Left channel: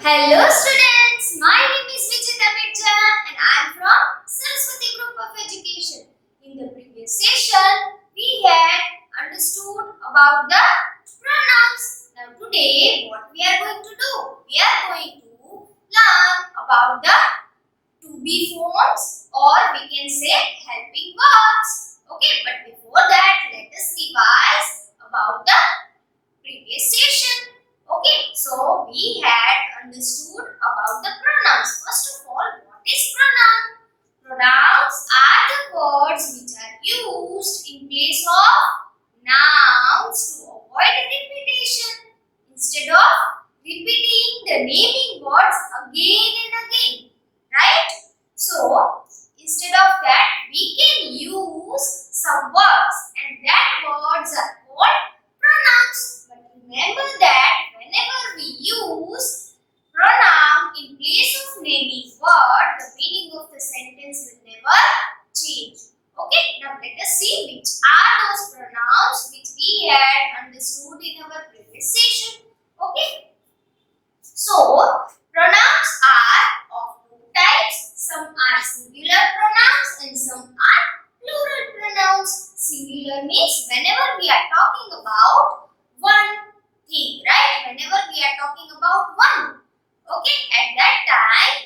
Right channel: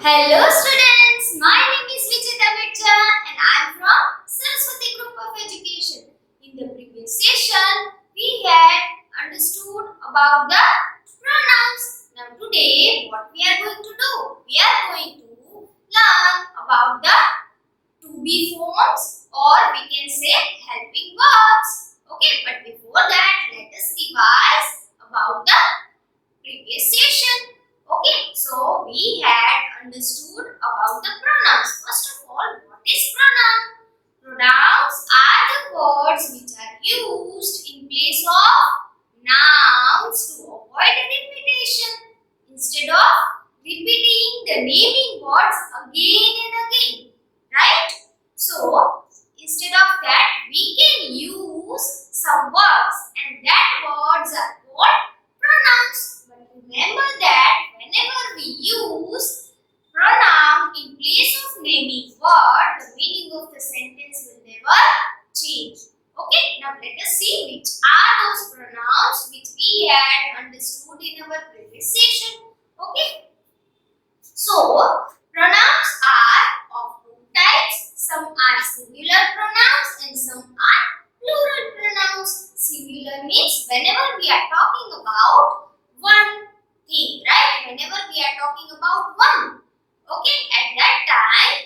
Hello students, my name is Vijay and I am from Saraswati Group of Education. In the previous session, we had understood about the pronouns. Now today, what we are going to do? We are going to learn about the to be forms or we can say helping verbs. Okay, but before that, let us revise about the previous session. Okay, so we had understood about the pronouns. First of all, what is pronoun? Pronouns are the words which are used in place of nouns to avoid repetition. Instead of repeating the naming words again and again. Right? So, instead of that, we can use some words and that words are called pronouns. But remember that whenever we use pronoun in place of naming word, the meaning of the sentence will never change. Okay, now let us see which are those pronouns which we had understood in our previous session. Okay, so pronouns are of two types. Some are singular pronouns and some are plural pronouns. Singular means whenever we are talking about one thing, right? Whenever we are talking about one, okay, at that time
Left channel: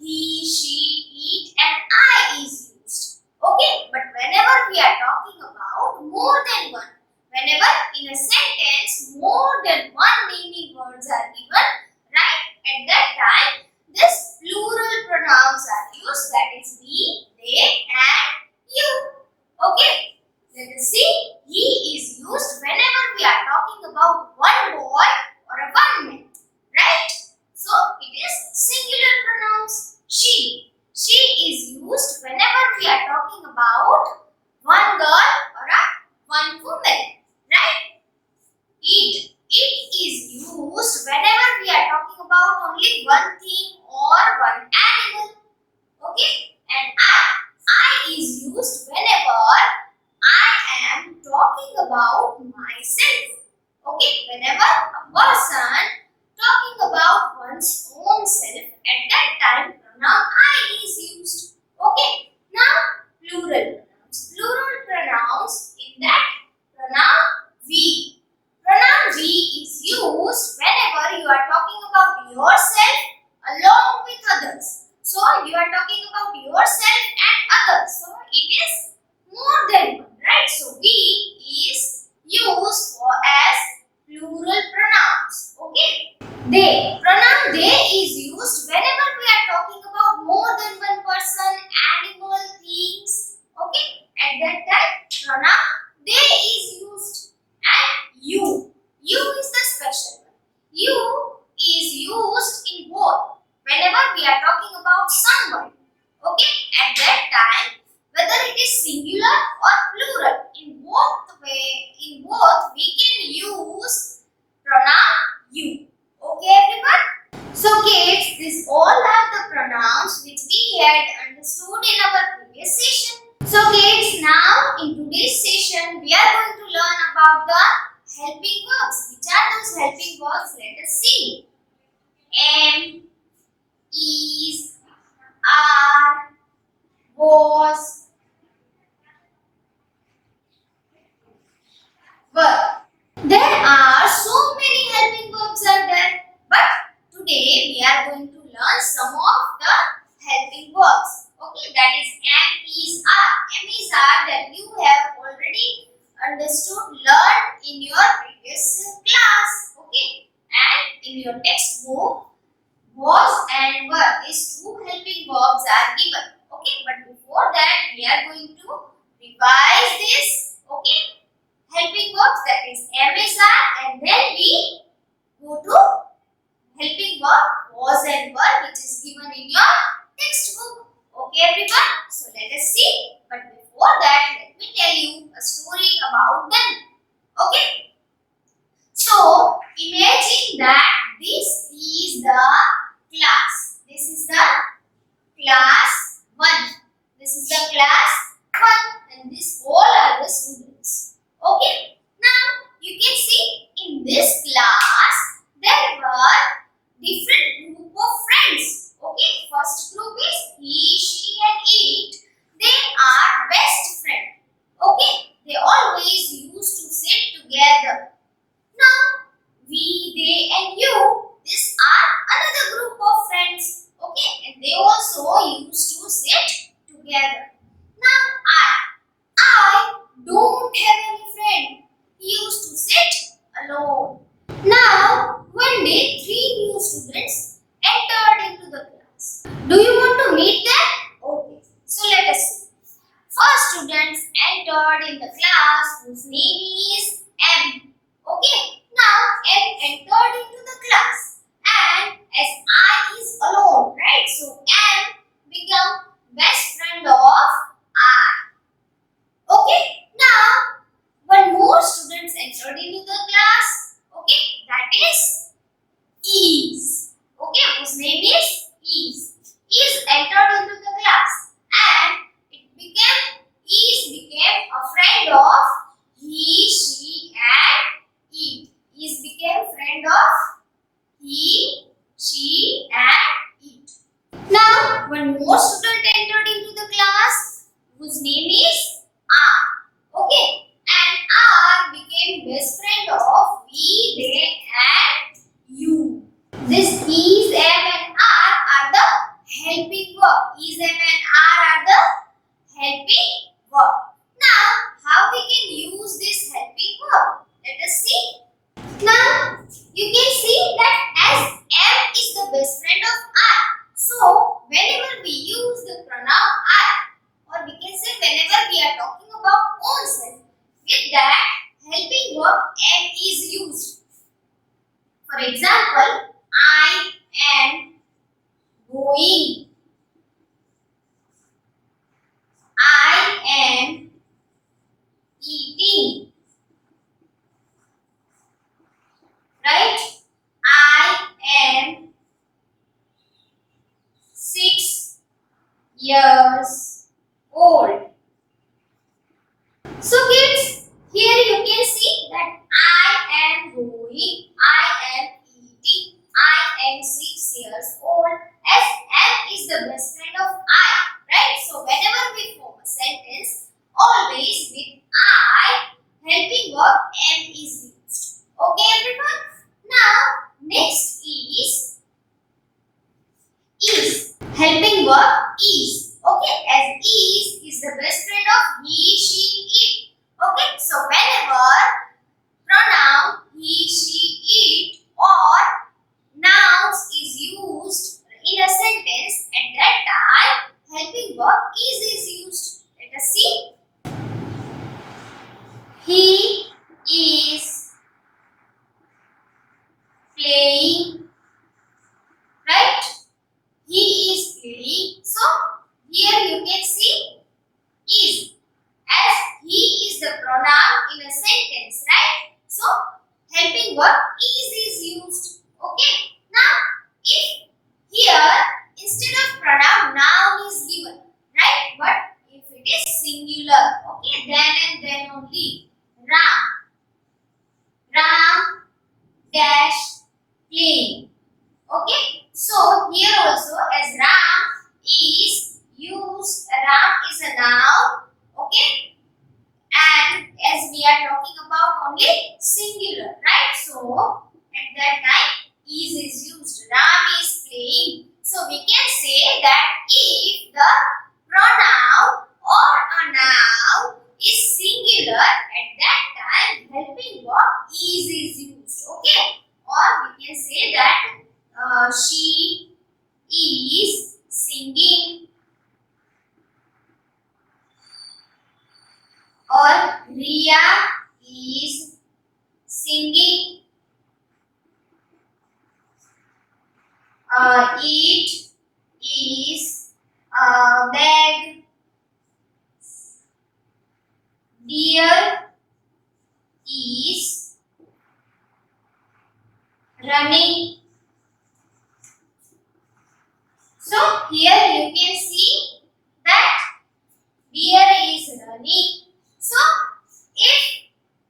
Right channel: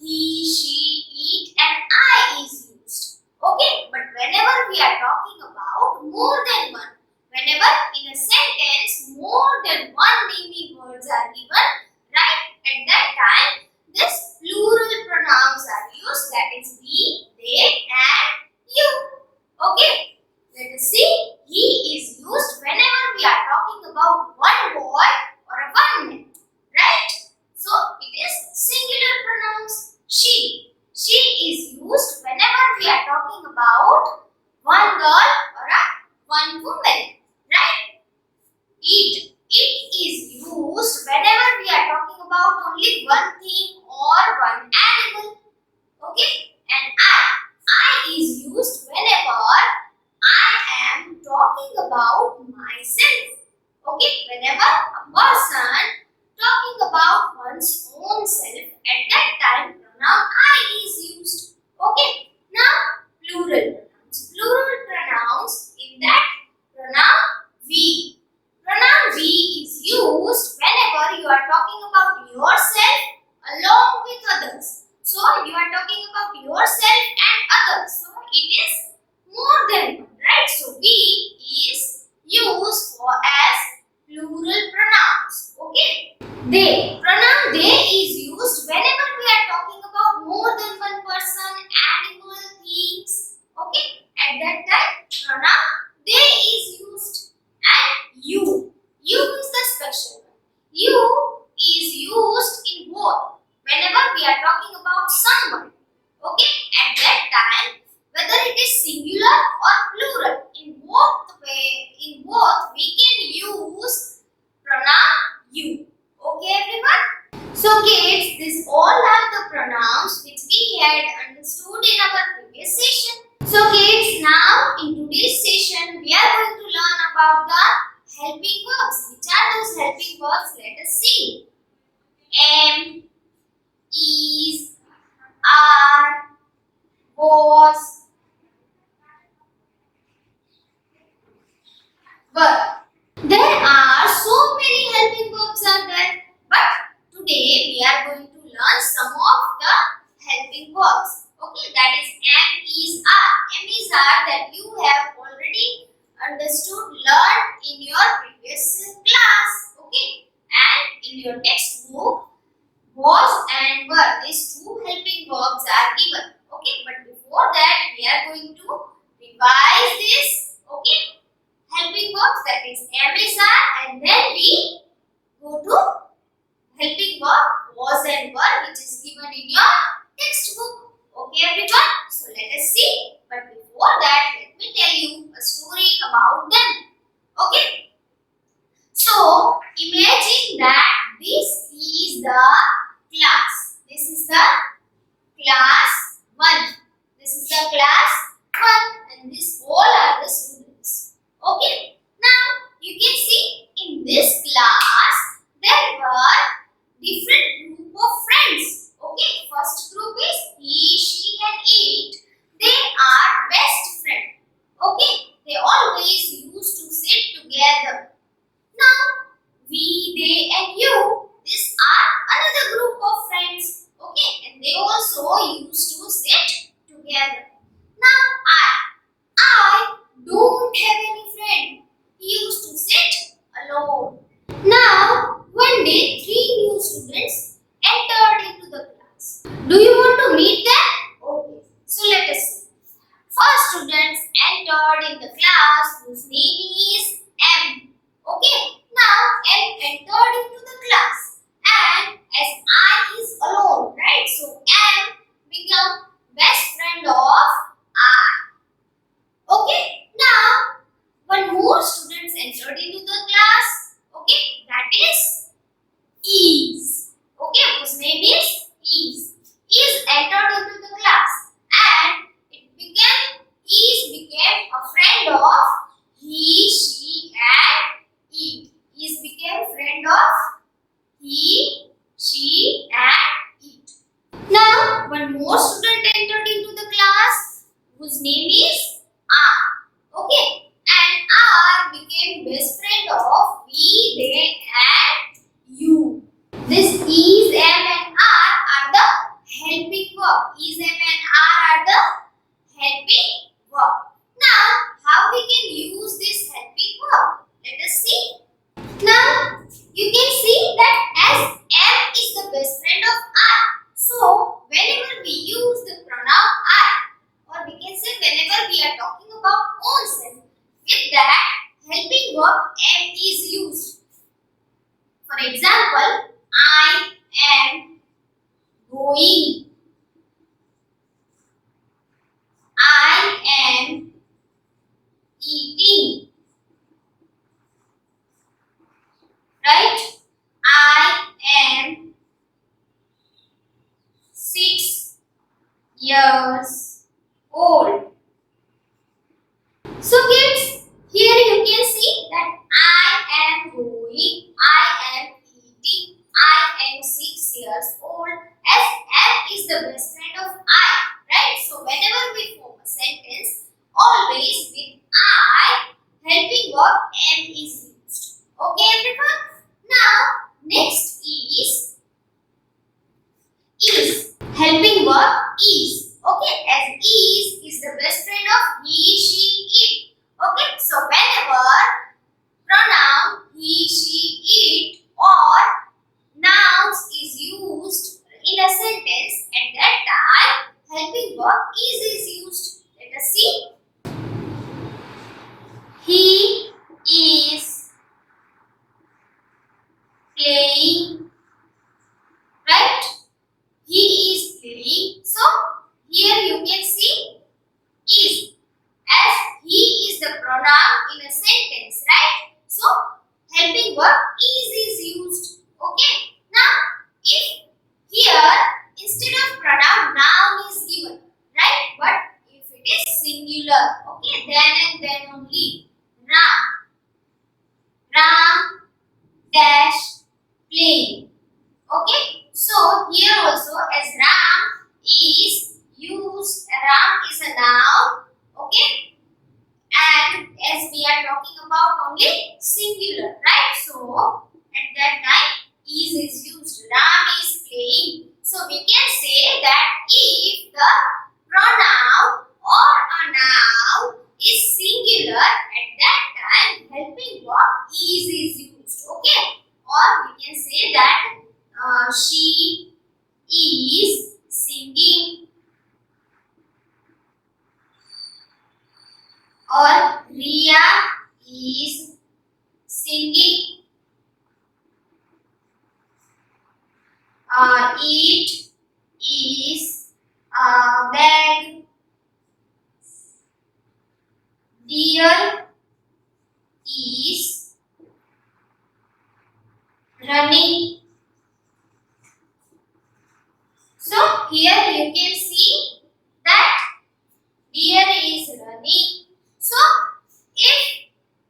he, she, it and I is used. Okay, but whenever we are talking about more than one, whenever in a sentence more than one naming words are given, right, at that time this plural pronouns are used, that is we, they and you. Okay, let us see. He is used whenever we are talking about one boy or a one man, right? So it is singular pronouns. She is used whenever we are talking about one girl or a one woman, right? It is used whenever we are talking about only one thing or one animal. Okay? And I is used whenever I am talking about myself. Okay? Whenever a person talking about one's own self, at that time pronoun I is used. Okay? Now plural pronouns. Plural pronouns, in that pronoun we. Pronoun we is used whenever you are talking about yourself along with others. So you are talking about yourself and others. So it is more than one, right? So we is used for as plural pronouns. Okay. They. Pronoun they is used whenever we are talking about more than one person, animal, things. Okay. At that time, pronoun they is used. And you. You is the special one. You is used in both. Whenever we are talking about someone. Okay. At that time, whether it is singular or plural, in both we can use pronoun you. Okay everyone? So kids, these all are the pronouns which we had understood in our previous session. So kids, now in today's session we are going to learn about the helping verbs. Which are those helping verbs? Let us see. Am, is, are, was, were. There are so many helping verbs are there, but today we are going to learn some of the helping verbs. Okay, that is am, is, are. Am, is, are that you have already understood, learned in your previous class. Okay, and in your textbook, was and were. These two helping verbs are given. Okay, but before that we are going to revise this. Okay, helping verbs, that is am, is, are, and then we go to helping verb was and were, which is given in your textbook. Okay everyone, so let us see. But before that, let me tell you a story about them. Okay, so imagine that this is the class. This is the class 1. This is the class 1 and this entered in the class whose name is M. Okay, now M entered into the class and as I is alone, right? So M become best friend of I. Okay, now one more students entered into the class. Okay, that is Is. Okay, whose name is Is. Is entered into the class and Is became a friend of he, she and it. Is became friend of he, she and it. Now one more student entered into the class whose name is R. Okay, and R became best friend of we, they and you. This is, am and are the helping verb. Is, am and are the helping verb. Now, how we can use this helping verb? Let us see. Now, you can see that as am is the best friend of I. So, whenever we use the pronoun I, or we can say whenever we are talking about own self, with that helping verb am is used. For example, I am going. I am eating. Right? I am 6 years old. So kids, here you can see that I am going, I am eating, I am 6 years old. As am is the best friend of I, right? So whenever we form a sentence, always with I, helping verb am is used. Okay everyone? Now next is helping verb is. Okay, as is the best friend of he, she, it. Okay, so whenever pronoun he, she, it or nouns is used in a sentence, at that time helping verb is used. Let us see. He is playing, right? He is playing. So here you can see is, as he is the pronoun in a sentence, right? So helping verb is used. Okay. Now if here instead of pronoun noun is given, right? But if it is singular, okay, then and then only. Ram dash playing. Okay, so here also as Ram is used, Ram is a noun, okay, and as we are talking about only singular, right? So at that time is used, Ram is playing. So we can say that if the pronoun or a noun is singular, at that time helping verb is used, okay, or we can say that she is singing, or Ria is singing, it is a bag, deer is running. So here you can see that deer is running. So if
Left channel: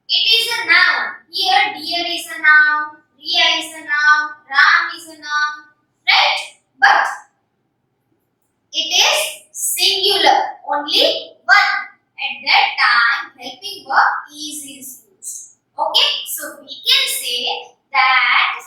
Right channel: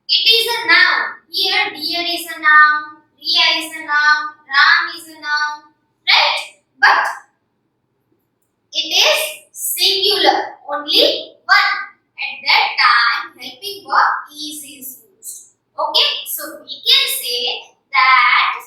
it is a noun, here deer is a noun, Ria is a noun, Ram is a noun, right? But it is singular, only one. At that time, helping verb is used. Okay, so we can say that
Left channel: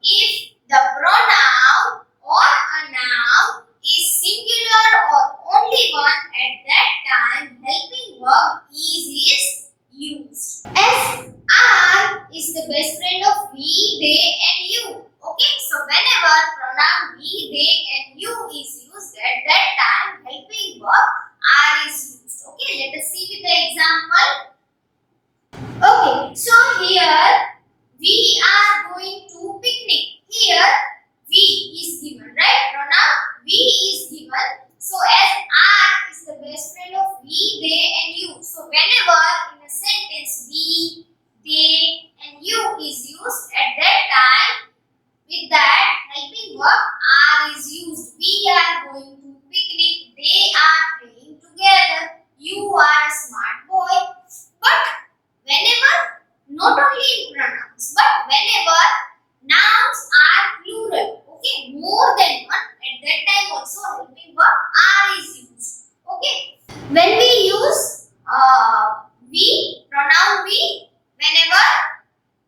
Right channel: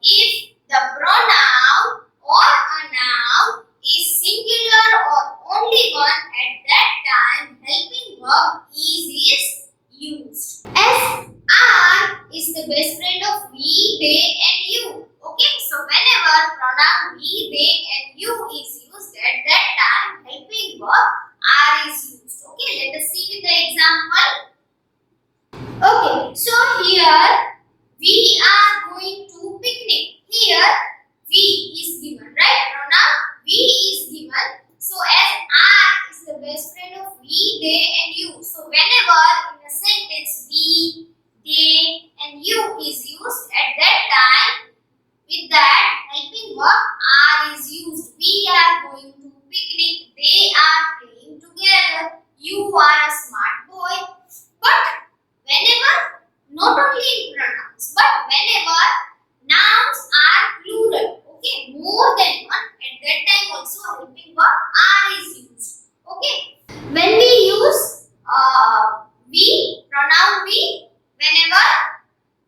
if the pronoun or a noun is singular or only one, at that time helping verb is used. As I is the best friend of we, they and you. Okay, so whenever pronoun we, they and you is used, at that time helping verb are is used. Okay, let us see with the example. Okay, so here we are going to picnic. Here we is given, right? Pronoun we is given. So as I is the best friend of we, they and you. So whenever in a sentence we, they and you is used, at that time with that helping verb are is used. We are going to picnic. They are playing together. You are a smart boy. But whenever, not only in pronouns, but whenever nouns are plural, okay, more than one, at that time also helping verb are is used. Okay. When we use we, pronoun we, whenever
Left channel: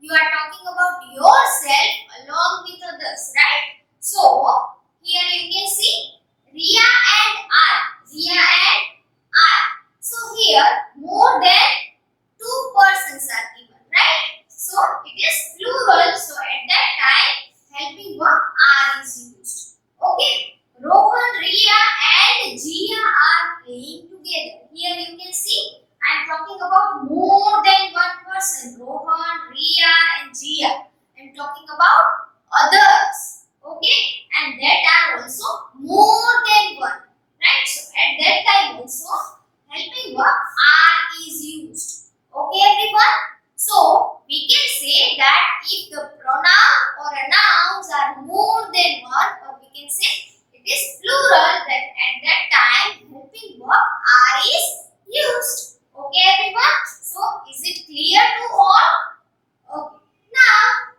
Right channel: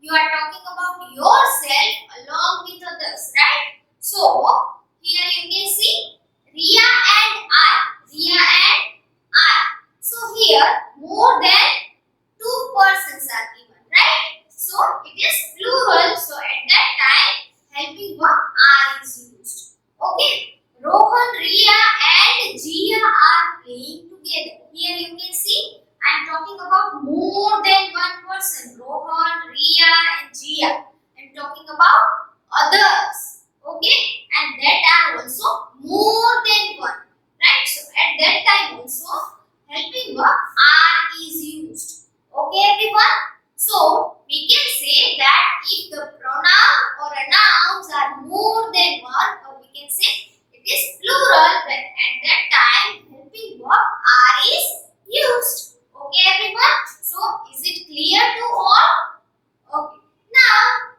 you are talking about yourself along with others, right? So here you can see Ria and I. Ria and I. So here more than two persons are given, right? So it is plural. So at that time helping verb are is used. Okay. Rohan, Ria and Jia are playing together. Here you can see I am talking about more than one person. Rohan, Ria and Jia. I am talking about others. Okay. And that are also more than one. Right. So at that time also helping verb are is used. Okay everyone. So we can say that if the pronoun or a nouns are more than one, or we can say it is plural, then at that time helping verb are is used. Okay everyone. So is it clear to all? Okay. Now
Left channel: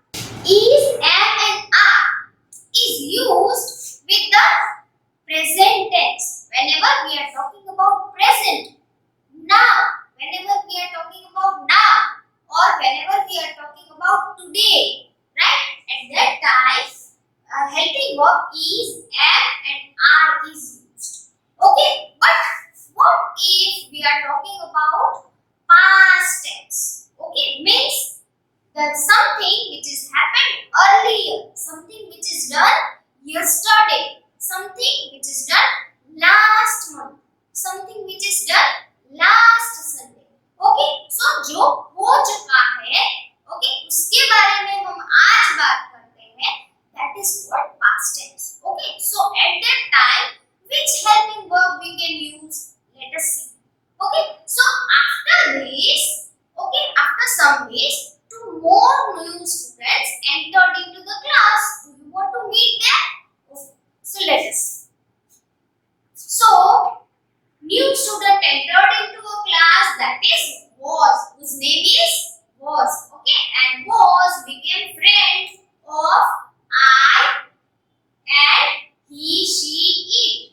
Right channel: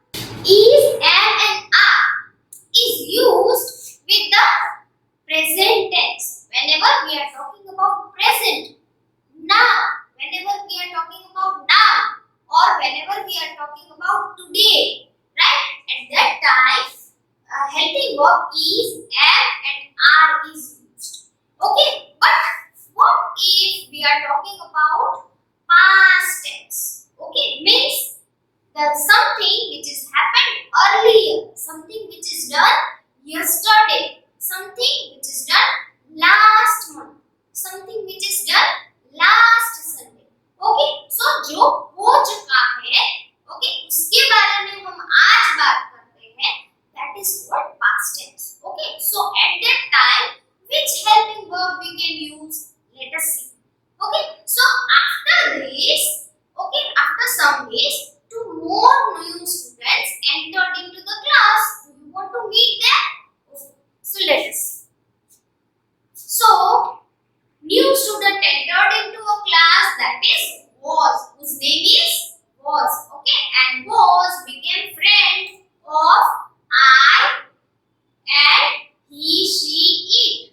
is, am and are is used with the present tense. Whenever we are talking about present, now, whenever we are talking about now, or whenever we are talking about today, right? At that time, helping verb is, am and are is used. Okay, but what if we are talking about past tense? Okay, means that something which is happened earlier, something which is done yesterday, something which is done last month, something which is done last Sunday. Okay, so जो हो चुका है, okay, उसके बारे में हम आज बात करते हैं. That is what past tense. Okay, so at that time which helping verb we can use? Let us see. Okay, so after this, okay, after some days, two more new students entered into the class. Do you want to meet them? Okay, so let us see. So new student entered into a class, that is was, whose name is was. Okay, and was became friend of I and he, she, it.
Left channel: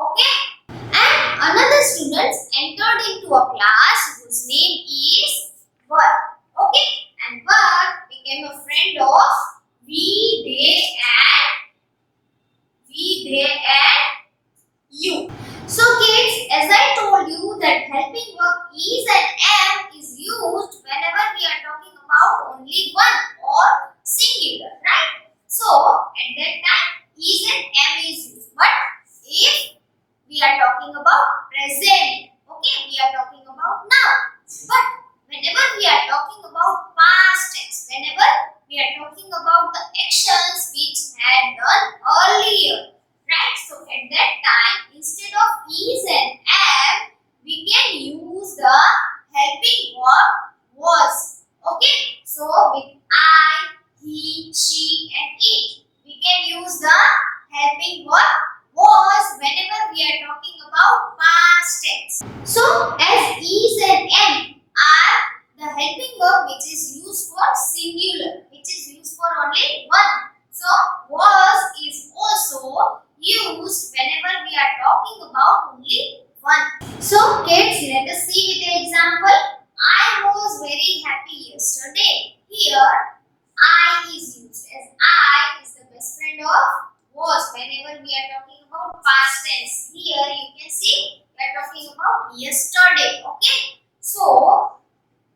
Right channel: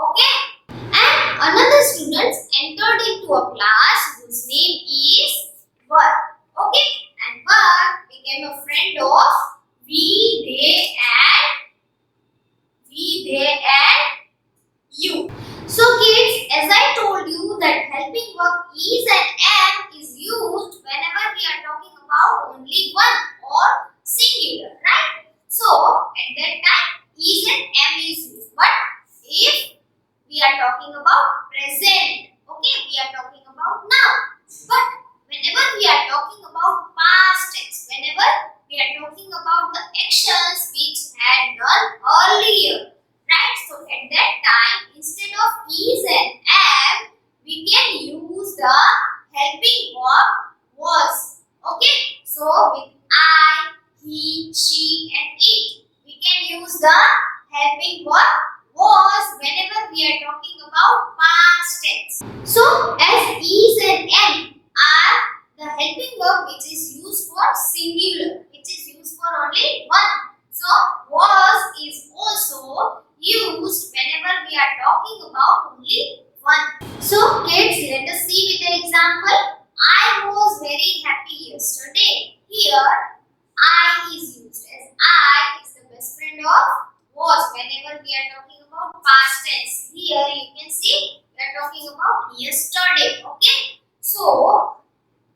Okay, and another student entered into a class whose name is Var. Okay, and Var became a friend of we, they and you. So kids, as I told you that helping verb is and am is used whenever we are talking about only one or singular, right? So at that time is and am is used. But if we are talking about present, okay, we are talking about now. But whenever we are talking about past tense, whenever we are talking about the actions which had done earlier, right? So at that time, instead of is and am, we can use the helping verb was. Okay? So with I, he, she and it, we can use the helping verb was whenever we are talking about past tense. So as is and am are the helping verb which is used for singular, which is used for only one. So was is also used whenever we are talking about only one. So kids, let us see with the example. I was very happy yesterday. Here I is used, as I is the best friend of was whenever we are talking about past tense. Here you can see we are talking about yesterday. Okay, so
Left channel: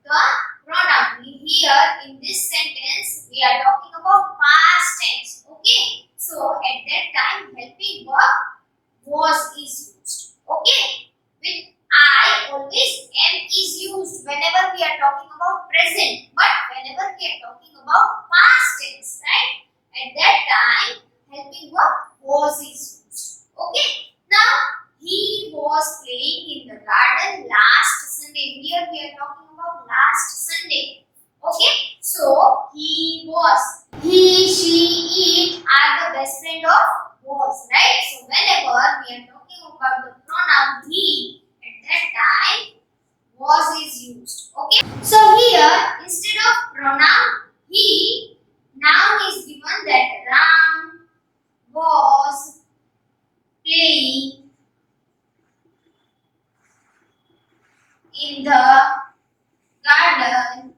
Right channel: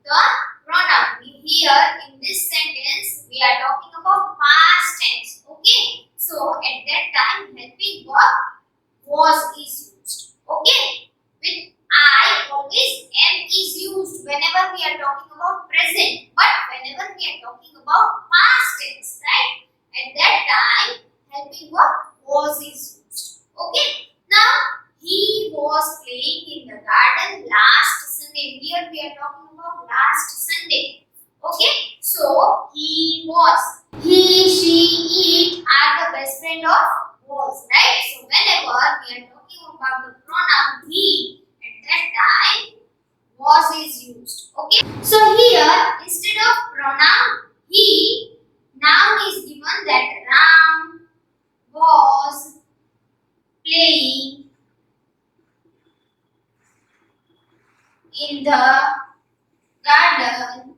the pronoun here in this sentence we are talking about past tense. Okay, so at that time helping verb was is used. Okay, with I always am is used whenever we are talking about present, but whenever we are talking about past tense, right? At that time, helping verb was is used. Okay. Now he was playing in the garden last Sunday. Here we are talking about last Sunday. Okay. So he was. He, she, it are the best friend of was, right? So whenever we are talking about the pronoun he, at that time was is used. Okay. So here instead of pronoun he, noun is given that Ram was playing in the garden.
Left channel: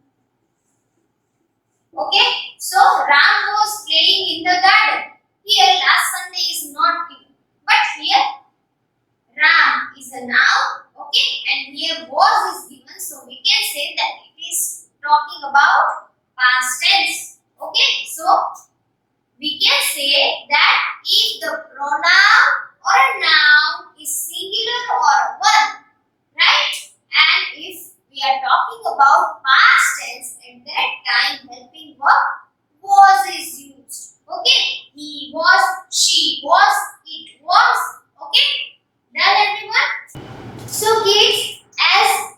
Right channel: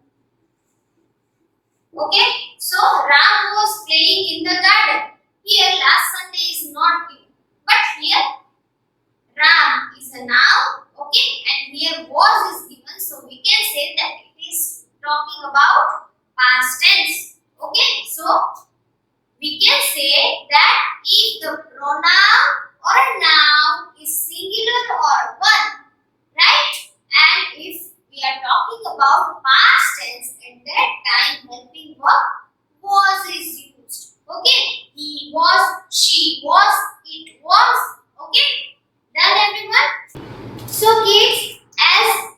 Okay. So Ram was playing in the garden. Here last Sunday is not given. But here Ram is a noun. Okay. And here was is given. So we can say that it is talking about past tense. Okay. So we can say that if the pronoun or a noun is singular or one, right? And if we are talking about past tense, at that time helping verb was is used. Okay? He was, she was, it was. Okay? Done everyone? So kids, as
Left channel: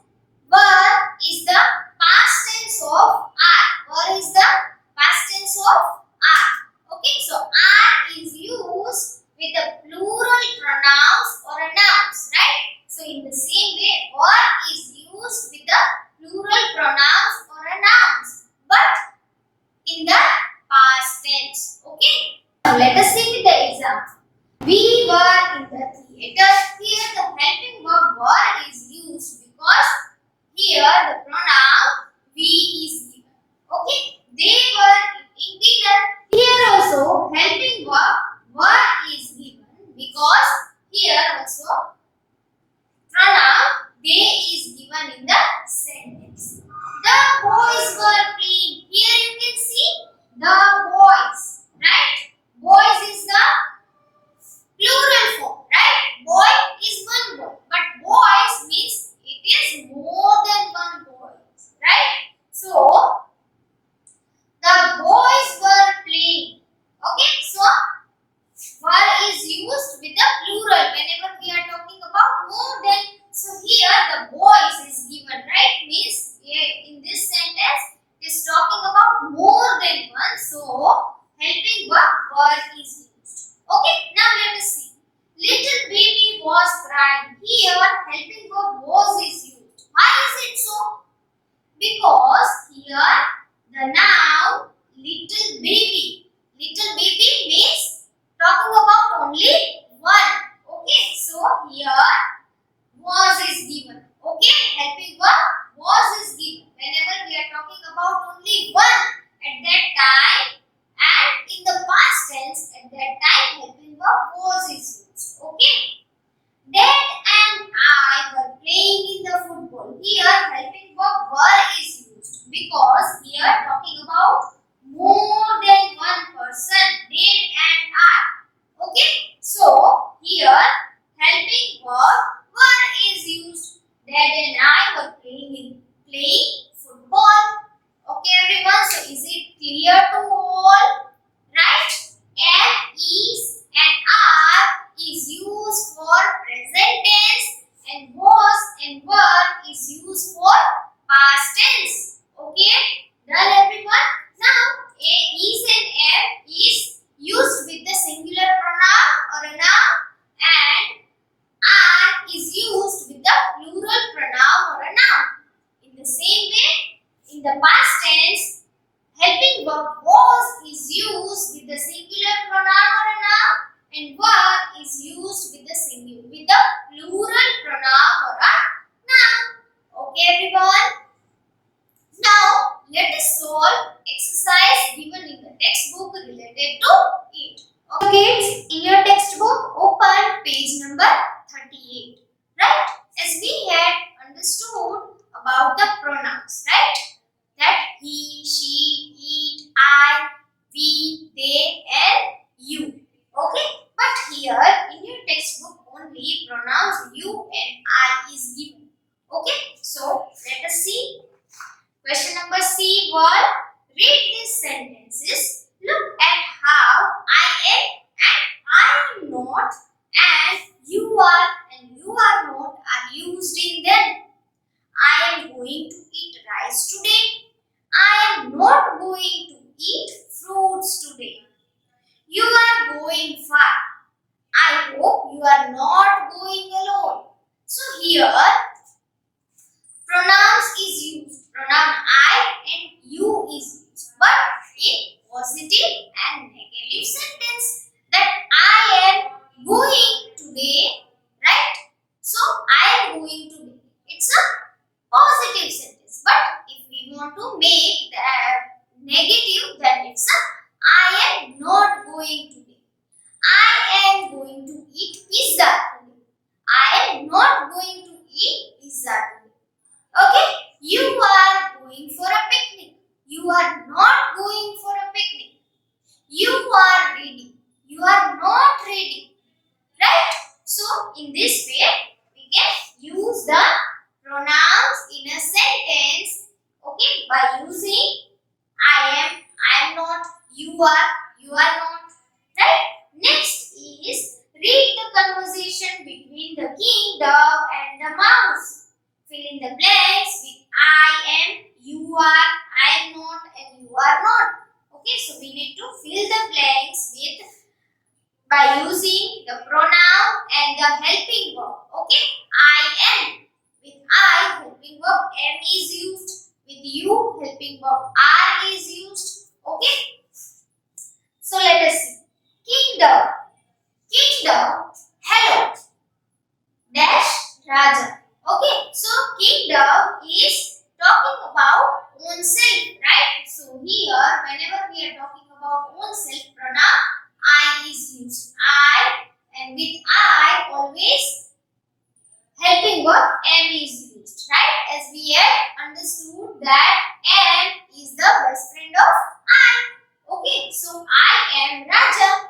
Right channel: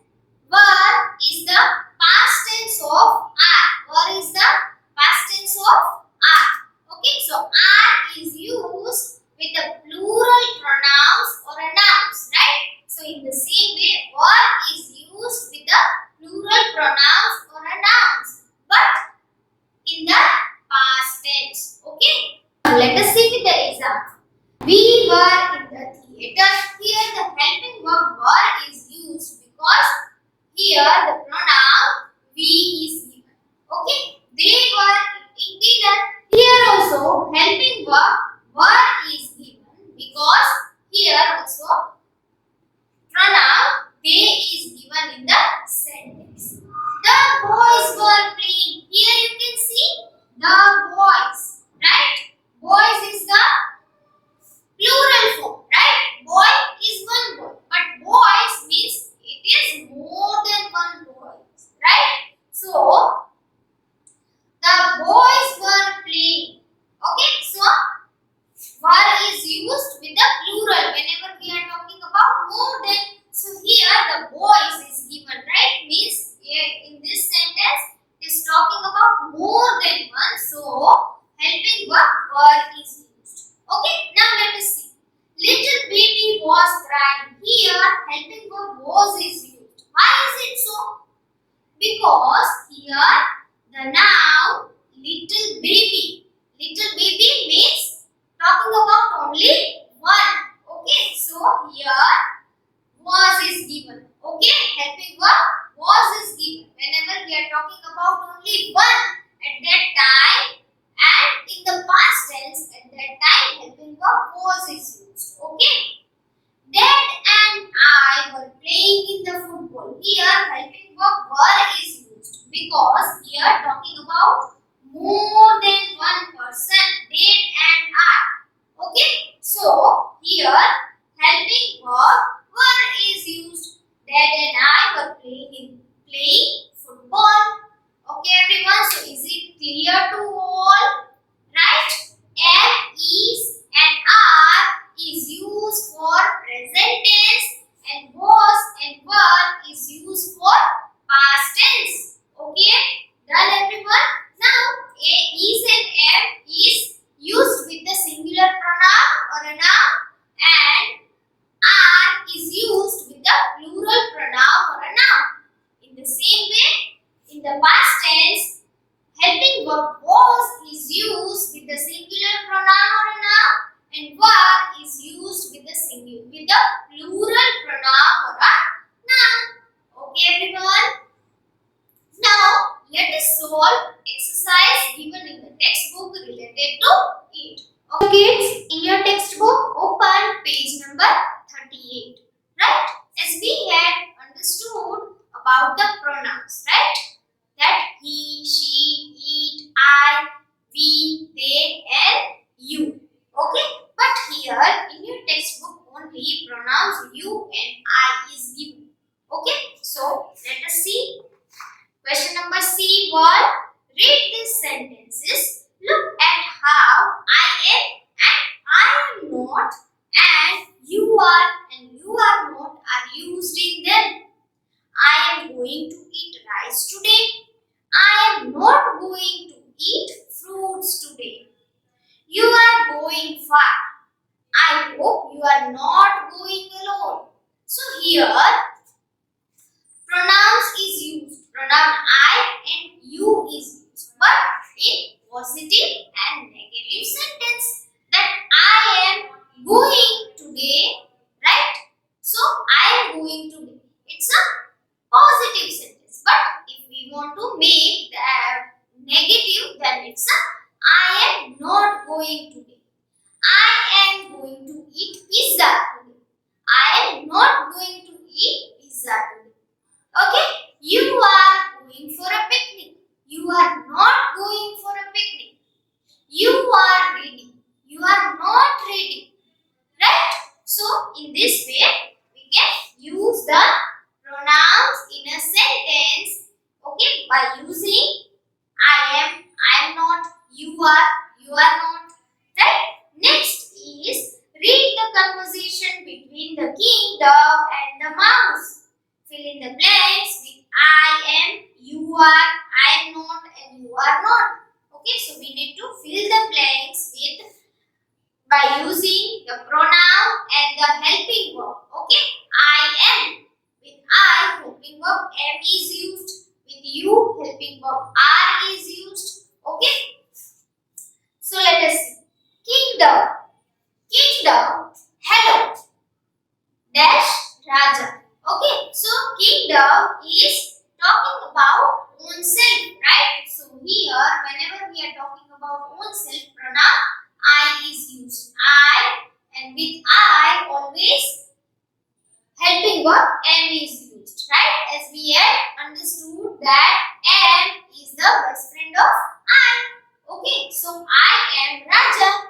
verb is the past tense of are. Verb is the past tense of are. Okay, so are is used with the plural pronouns or a nouns, right? So in the same way, verb is used with the plural pronouns or a nouns, but in the past tense. Okay. Now let us see with the example. We were in the theater. Here the helping verb were is used because here the pronoun we is given. Okay. They were eating dinner. Here also helping verb were is given because here also pronoun they is given in the sentence. The boys were playing. Here you can see the boys, right? Boys is the plural form, right? Boy is one boy, but boys means it is more than one boy, right? So the boys were playing. Okay, so were is used with the plural whenever we are talking about more than. So here the boys is given, right? Means in this sentence it is talking about more than one. So helping verb were is used. Okay, now let us see. Little baby was crying. Here helping verb was is used. Why is it so? Because here the noun little baby. Little baby means talking about only one. Okay, so here was is given. Okay, helping verb was is given. Whenever we are talking about only one at that time, and in the past tense at that time helping verb was is used. Okay. Dad and I were playing in the football. Here helping verb were is used because here talking about more than one person. Dad and I. Okay. So here helping verb were is used. Dad and I were playing football. Okay everyone. So is it clear to all? Right? Am, is and are is used for present tense and was and were is used for past tense. Okay? Done everyone? Now a, is and am is used with the singular pronoun or a noun and are is used with the plural pronoun or a noun. In the same way, in the past tense, helping verb was is used with the singular pronoun or a noun and were is used with the plural pronoun or a noun. Okay everyone? Now let us solve exercise given in the textbook related to it. Okay kids, in your textbook open page number 38. Right? As we had understood about the pronouns, right? That he, she, it, I, we, they and you. Okay? But here in your textbook only pronouns you and I is given. going to eat rice today. I am not going to eat fruits today. You are going far. I hope you are not going alone. So here pronouns is used. Pronoun I and you is used. But in positive and negative sentence that I am going today, right? So I am going today. It's a positive sentence. But if we want to make that negative, then it's a I am not going today. I am going to eat pizza today. I am not going to eat pizza today. Okay? You are going for a picnic. You are not going for a picnic. You are ready. You are not ready. Right? So, in this way, we can use the pronouns in a sentence. Okay? By using I am not, you are not. Right? Next is read the conversation between the king, dog and the mouse. Fill in the blanks with I am, you are, I am not and you are not. Okay, so we need to fill the blanks with by using the pronoun and the helping verb. Okay, I am. With I, helping verb am is used. With you, helping verb are is used. Okay, so let us see. Kingdom. Kingdom. Hello. Dash Raja. Okay, so kingdom is talking about own self, right? So here, whenever we are talking about own self, pronoun I is used. I, and with I always helping verb am is used, right? As we have understood that am is the best friend of I. Okay, so I am Raja.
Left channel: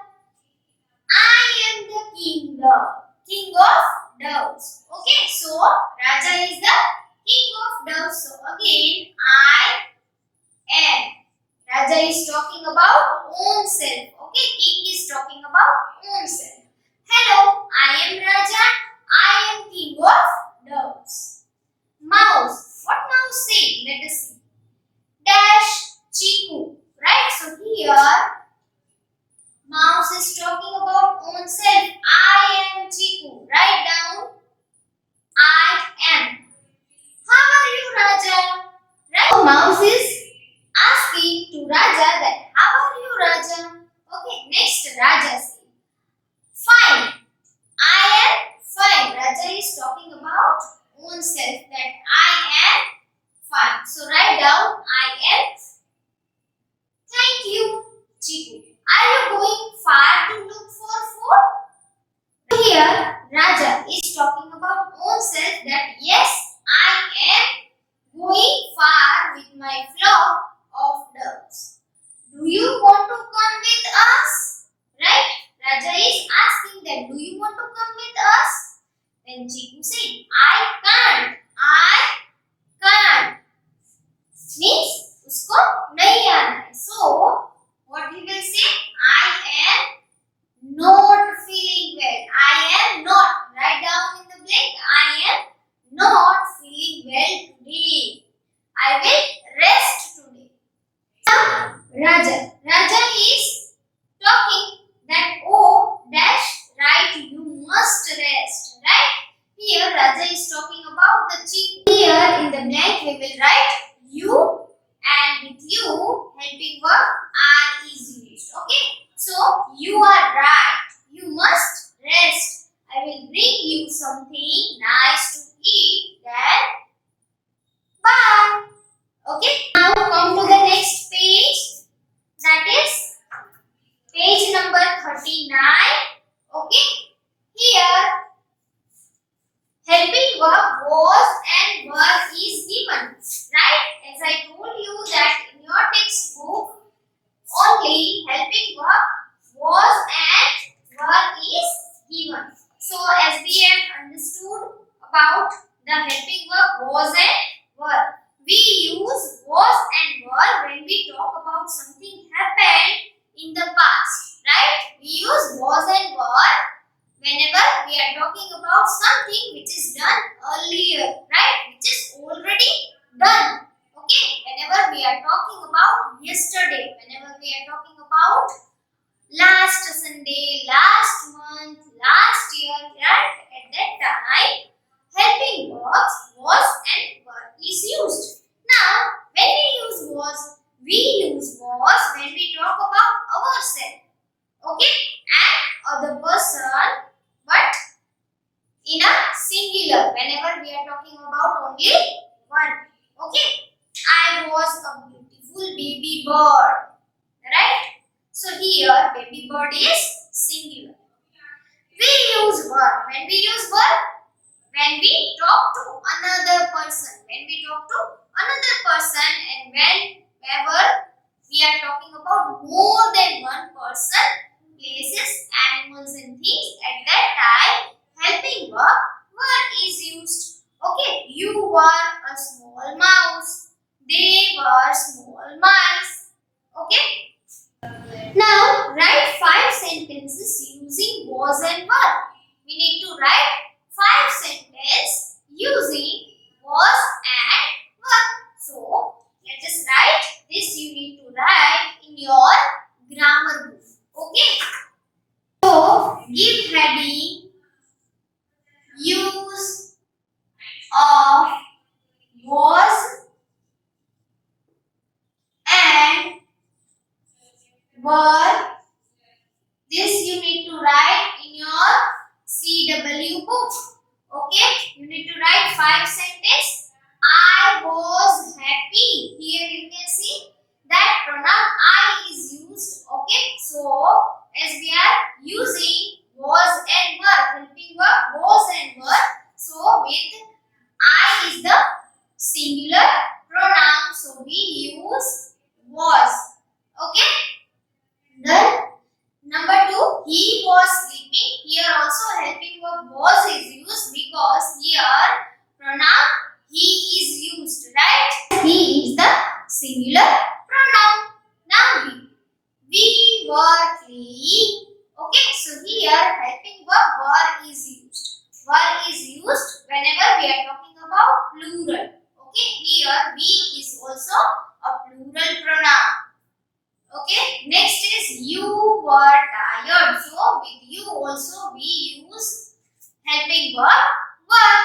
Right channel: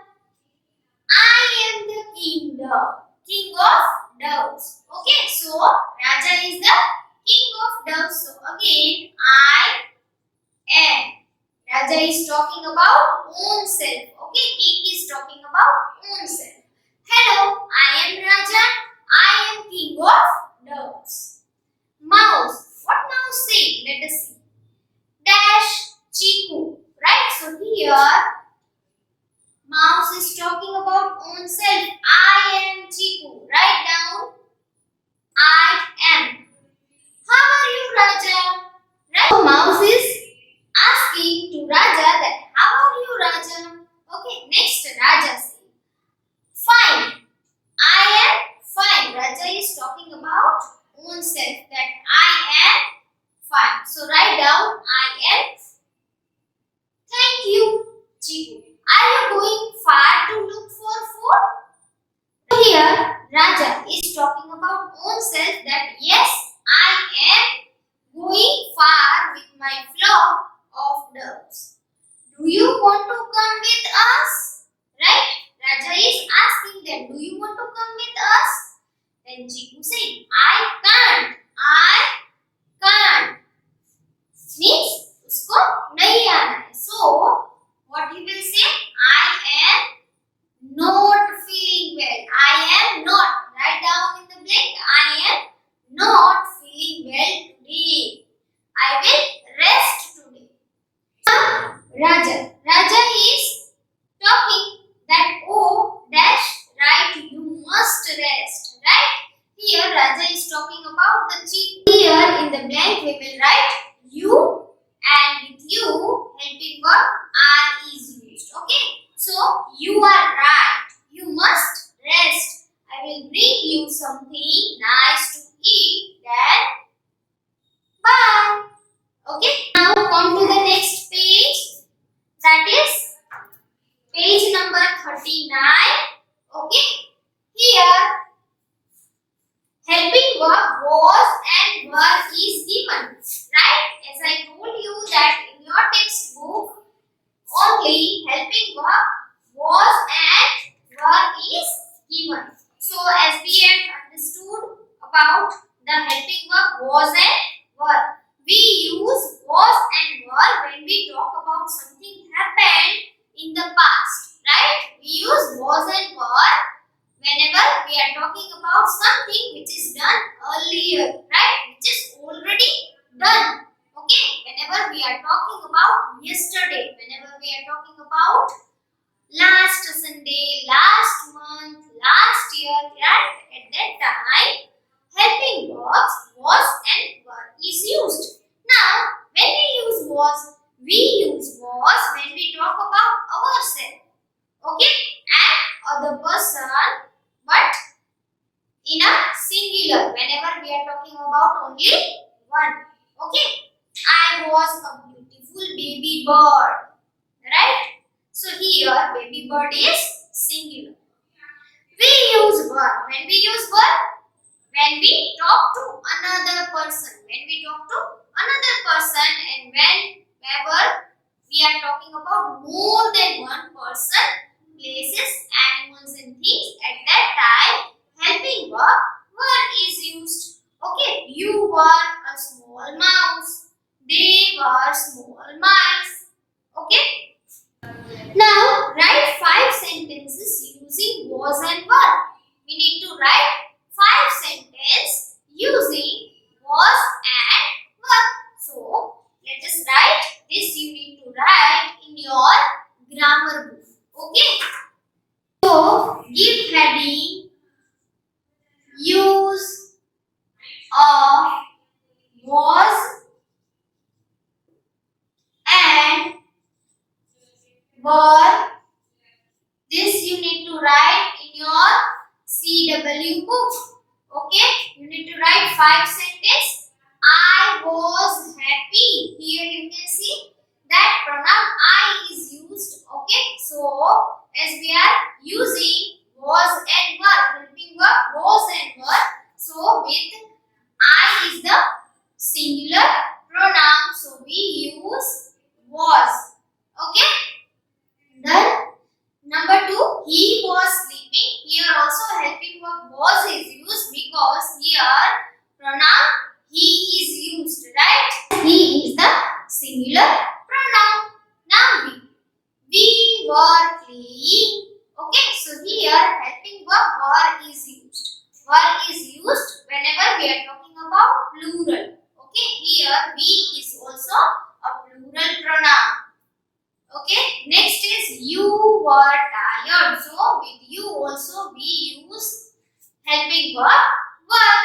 I am the king of doves. Okay, so Raja is the king of doves. So again, I am. Raja is talking about own self. Okay, king is talking about own self. Hello, I am Raja. I am king of doves. Mouse. What mouse say? Let us see. Dash Chiku. Right? So here mouse is talking about own self. I am Chiku. Write down. I am. How are you, Raja? Right? So mouse is asking to Raja that how are you, Raja? Okay, next Raja says, fine. I am fine. Raja is talking about own self that I am fine. So write down I am. Thank you, Chiku. Are you going far to look for food? Here, Raja is talking about own self that yes, I am going far with my flock of doves. Do you want to come with us? Right? Raja is asking that do you want to come with us? Then Chiku said, I can't. I can't. Means usko nahi aana hai. So, what he will say? I am not feeling well. I am not. Write down in the blank. I am not feeling well today. I will rest today. Raja. Raja is talking that oh dash right you must rest. Right? Here Raja is talking about the chief. Here in the blank we will write you. And with you, helping verb are is used. Okay. So, you are right. You must rest. I will bring you something nice to eat. Then, bye. Okay. Now, come to the next page. That is page number 39. Okay. Here, helping verb was and were is given. Right? As I told you that in your textbook, only helping verb was and were is given. So, as we have understood about the helping verb was and were, we use was and were when we talk about something happened in the past. Right? We use was and were whenever we are talking about something which is done earlier, right? Which is already yesterday, whenever we are talking about last Sunday, last month, last year, right? At that time, helping verbs was and were is used. Now, when we use was when we talk about ourselves, okay, and other person, but in a singular. Whenever we are talking about only one, okay. I was a beautiful baby bird, right? So here, baby bird is singular. We use were. When we use were, when we talk to another person. When we talk to another person and whenever we are talking about more than one person, places, animals and things, at that time, helping were is used. Okay, you were a small mouse. They were small mice. Okay. Now, write 5 sentences using was and were. We need to write 5 sentences using was and were. So, let us write this. You need to write in your grammar book. Okay. So, give heading, use of was and were. This you need to write in your CW book. Okay, you need to write 5 sentences. I was happy. Here you can see that pronoun I is used. Okay, so as we are using was and were, helping verb was and were, so with I is the singular pronoun, so we use was. Okay, then number 2, he was sleeping. Here also helping verb was is used because here pronoun he is used, right? He is the singular pronoun. Now we were playing. Okay, so here helping verb were is used. Were is used whenever we are talking about plural. Okay, here we is also a plural pronoun. Okay, next is you were tired. So with you also we use helping verb were.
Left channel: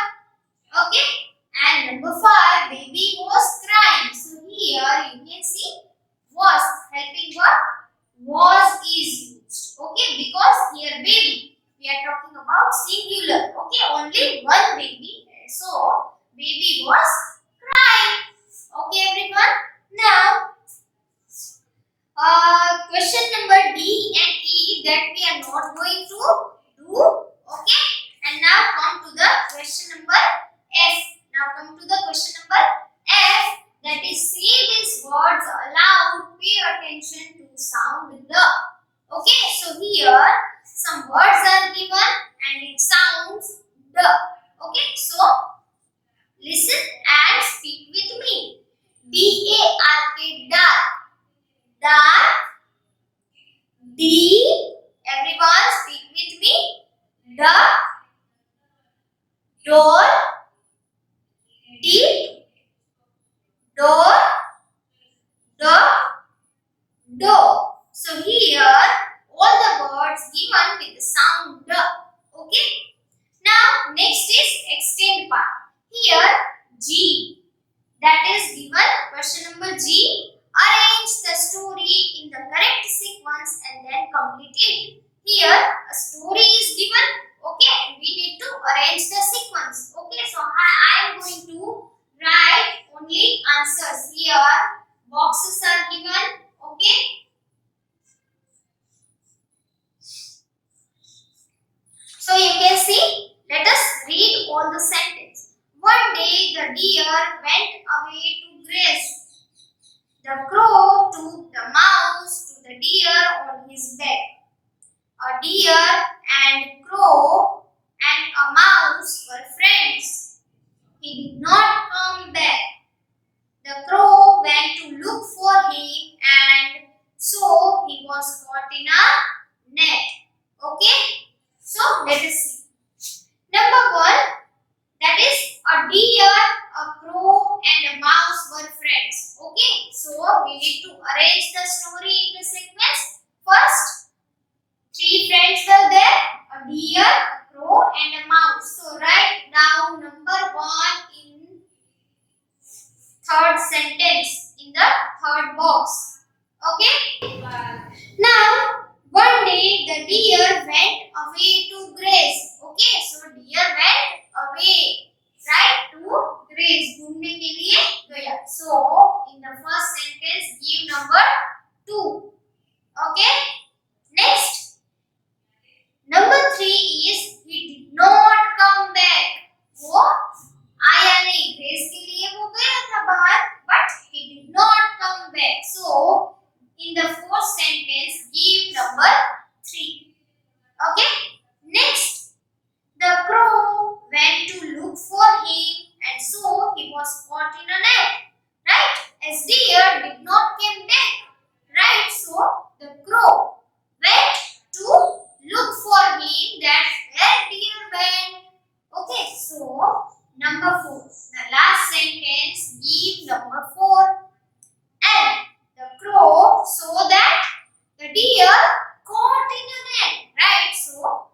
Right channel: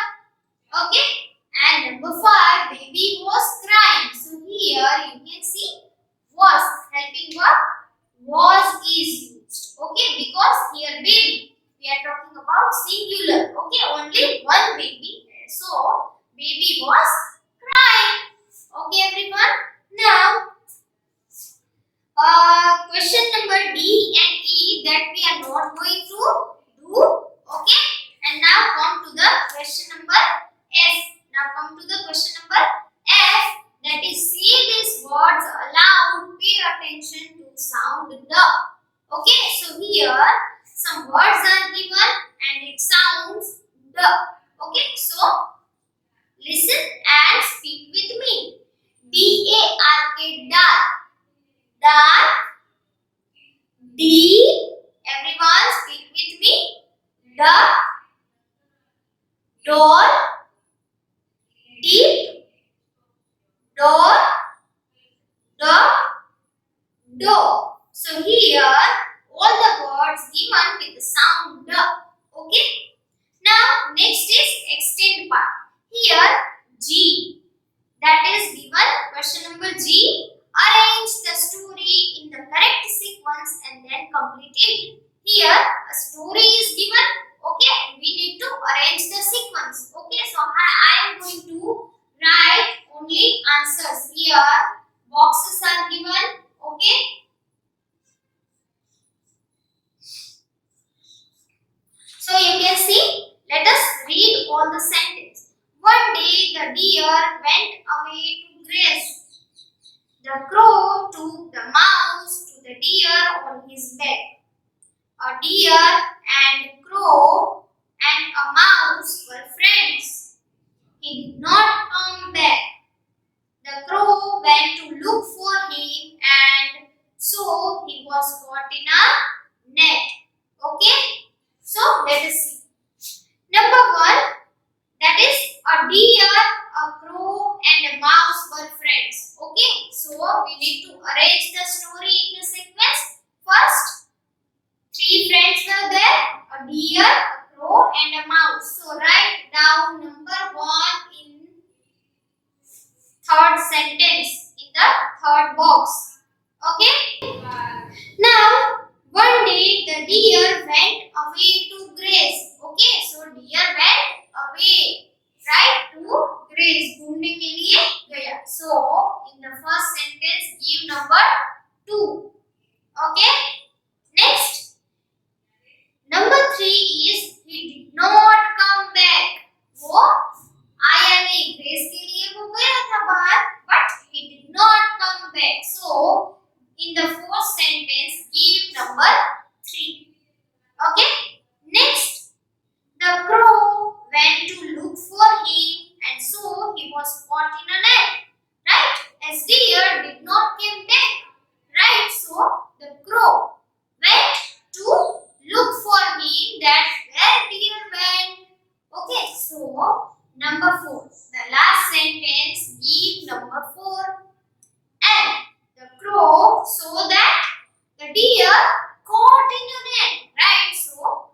Okay, and number 5, baby was crying. So here you can see was, helping verb was is used. Okay, because here baby, we are talking about singular. Okay, only one baby. So baby was crying. Okay, everyone. Now question number D and E that we are not going to do. Okay, and now come to the question number F. Now come to the question number F, that is say these words aloud. Pay attention to sound the. Okay, so here some words are given and it sounds the. Okay, so listen and speak with me. D-A-R-K, dark. Dark. D. Everyone speak with me. The. Door. Deep. Door. The. Door. So here all the words given with the sound the. Okay. Now next is extend part. Here G, that is given question number G. Arrange the story in the correct sequence and then complete it. Here a story is given. Okay, we need to arrange the sequence. Okay, so I am going to write only answers. Here boxes are given. Okay, so you can see. Let us read all the sentence. One day the deer went away to graze. The crow took the mouse to the deer on his back. A deer and crow and a mouse were friends. He did not come back. The crow went to look for him and so he was caught in a net. Okay? So let us see. Number 1, that is a deer, a crow and a mouse were friends. Okay, so we need to arrange the story in the sequence. First, three friends were there: a deer, a crow, and a mouse. So write down number 1 in third sentence in the third box. Okay? Now, one day the deer went away to graze. Okay, so deer went away, right? To graze. घूमने के लिए गया. So, in the first sentence, give number 2. Okay? Next, number 3 is he did not come back. वो आया नहीं, graze के लिए वो गया था बाहर, but he did not come back. So, in the fourth sentence, give number 3. Okay? Next, the crow went to look for him and so he was caught in a net. Right? As deer did not come back. Right? So, the crow went to look for him. That's where deer went. Okay? So, number 4. The last sentence, give number 4. And the crow saw that the deer caught in a net, right? So,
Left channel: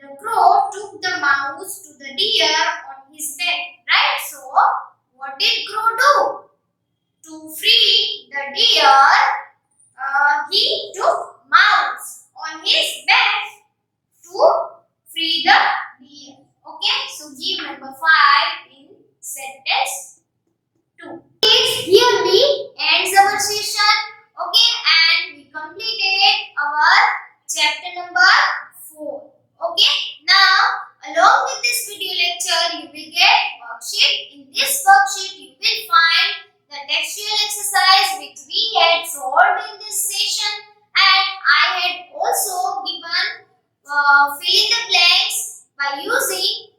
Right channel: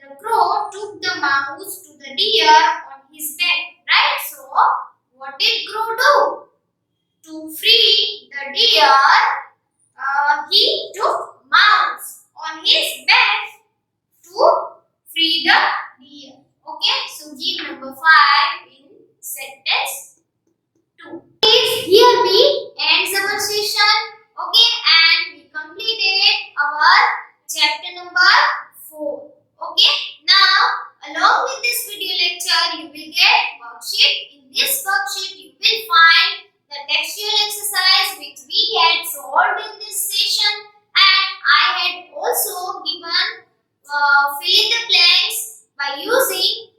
the crow took the mouse to the deer on his back, right? So, what did crow do? To free the deer, he took mouse on his back to free the deer. Okay? So, give number 5 in sentence 2. Here we ends our session. Okay, and we completed our chapter number 4. Okay, now along with this video lecture you will get worksheet. In this worksheet you will find the textual exercise which we had solved in this session, and I had also given fill in the blanks by using